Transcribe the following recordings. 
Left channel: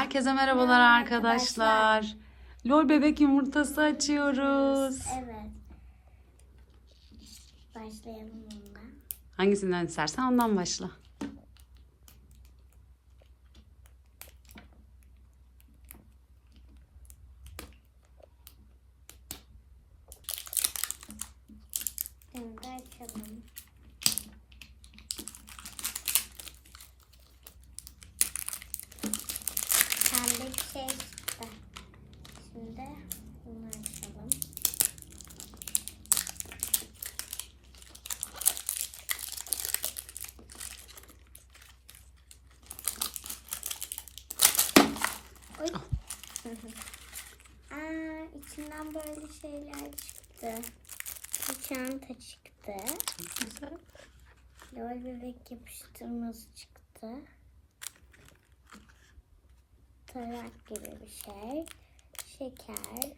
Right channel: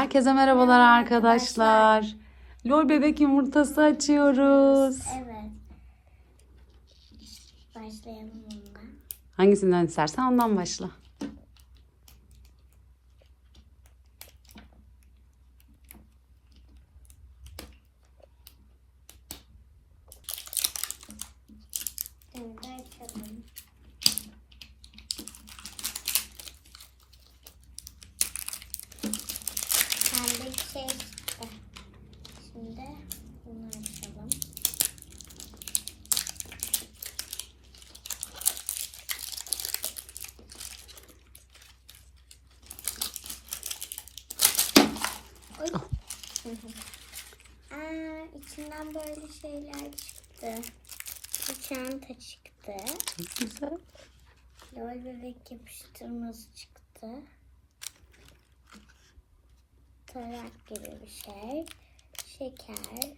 Herkese merhabalar Merhaba arkadaşlar. Lol bebek yumurtası açıyoruz. Evet. Başlayalım onunla. Hangisinden istersen ondan başla. Şimdi açalım. Pembe şey çıktı. Şimdi bunu açalım. Oy. Aa, içinden böyle şeyler çıktı. Bir çanta çıktı. Çok güzel. Lol bebek yapıştırması çıktı. Tarak gibi bir şey. Şeker.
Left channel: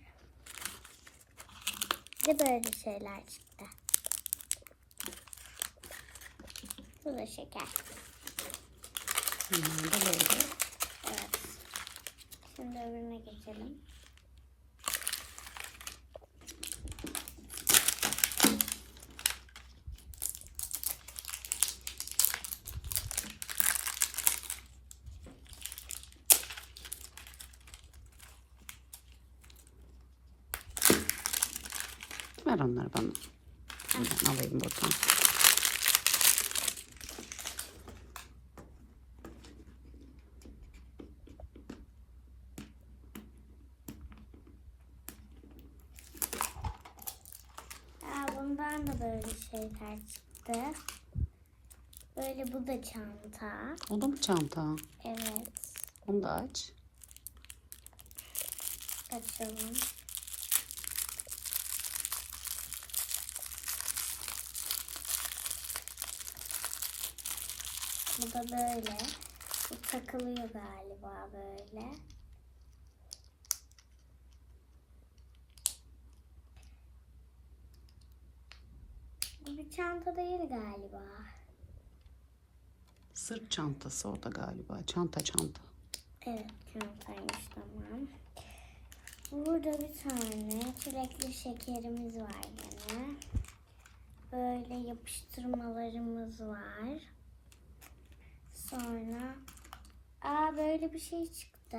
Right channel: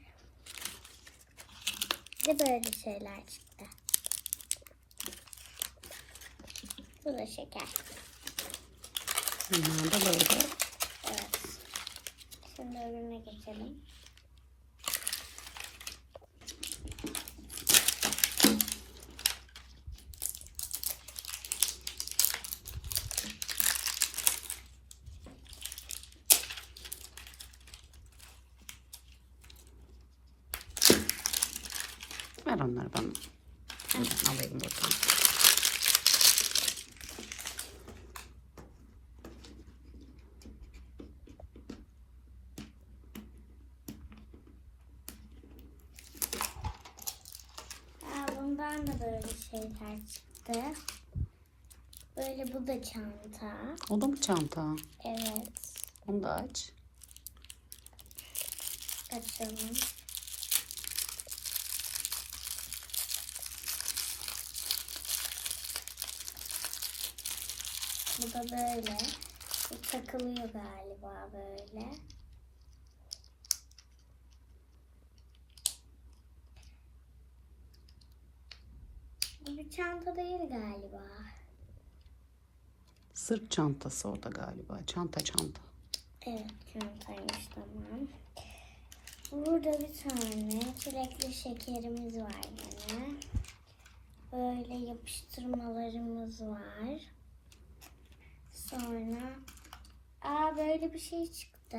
Bir de böyle şeyler çıktı. Bu da şeker. Bunlar da böyle. Evet. Şimdi öbürüne geçelim. Ver onları bana. Ben alayım buradan. Aa, bundan da böyle şeyler çıktı. Böyle bu da çanta. O da mı çanta? Evet. Onu da aç. Açalım. Bu da böyle. Bu takılıyor galiba böyle. Bu bir çanta değil galiba. Sırt çantası o da galiba. Çanta çanta. Evet çantaymış tamam. Burada bir tane çilekli şekerimiz var yine. Böyle yapıştırmalarımız var. Sonra aa böyle bir şey çıktı.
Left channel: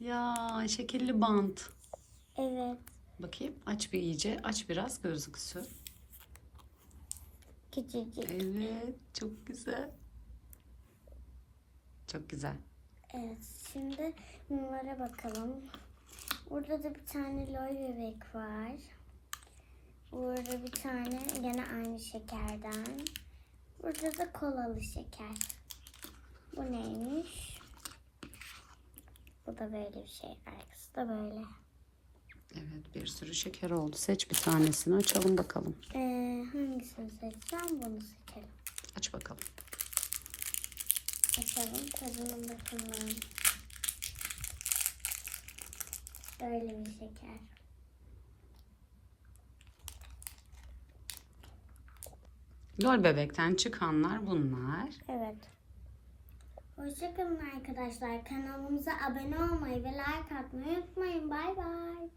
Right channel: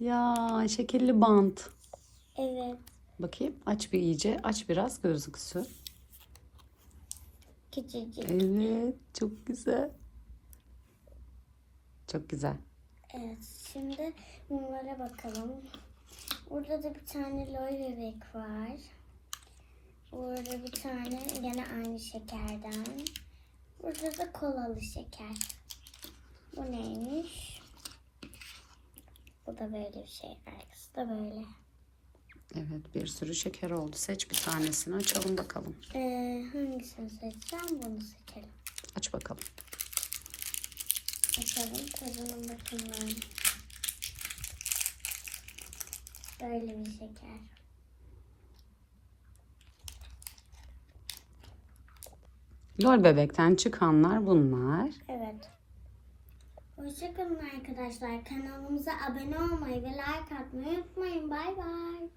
Ya şekerli bant. Evet Bakayım aç bir iyice. Aç biraz gözüksün. küçücük. Evet çok güzel. Çok güzel. Evet şimdi bunlara bakalım. Burada da bir tane loy bebek var. Burada bir tane gene aynı şekerden. Burada da kolalı şeker. Bu neymiş? Bu da böyle bir şey. Arkası da böyle. Evet bir sürü şeker oldu. Seç bir tanesini açalım bakalım. Ee, hangisini seçeceğim? Bunu seçelim. Aç bakalım. Açalım. Tadına bakalım. Böyle bir şeker. Lol bebekten çıkanlar bunlar. Evet. Hoşçakalın arkadaşlar. Kanalımıza abone olmayı ve like atmayı unutmayın. Bay bay.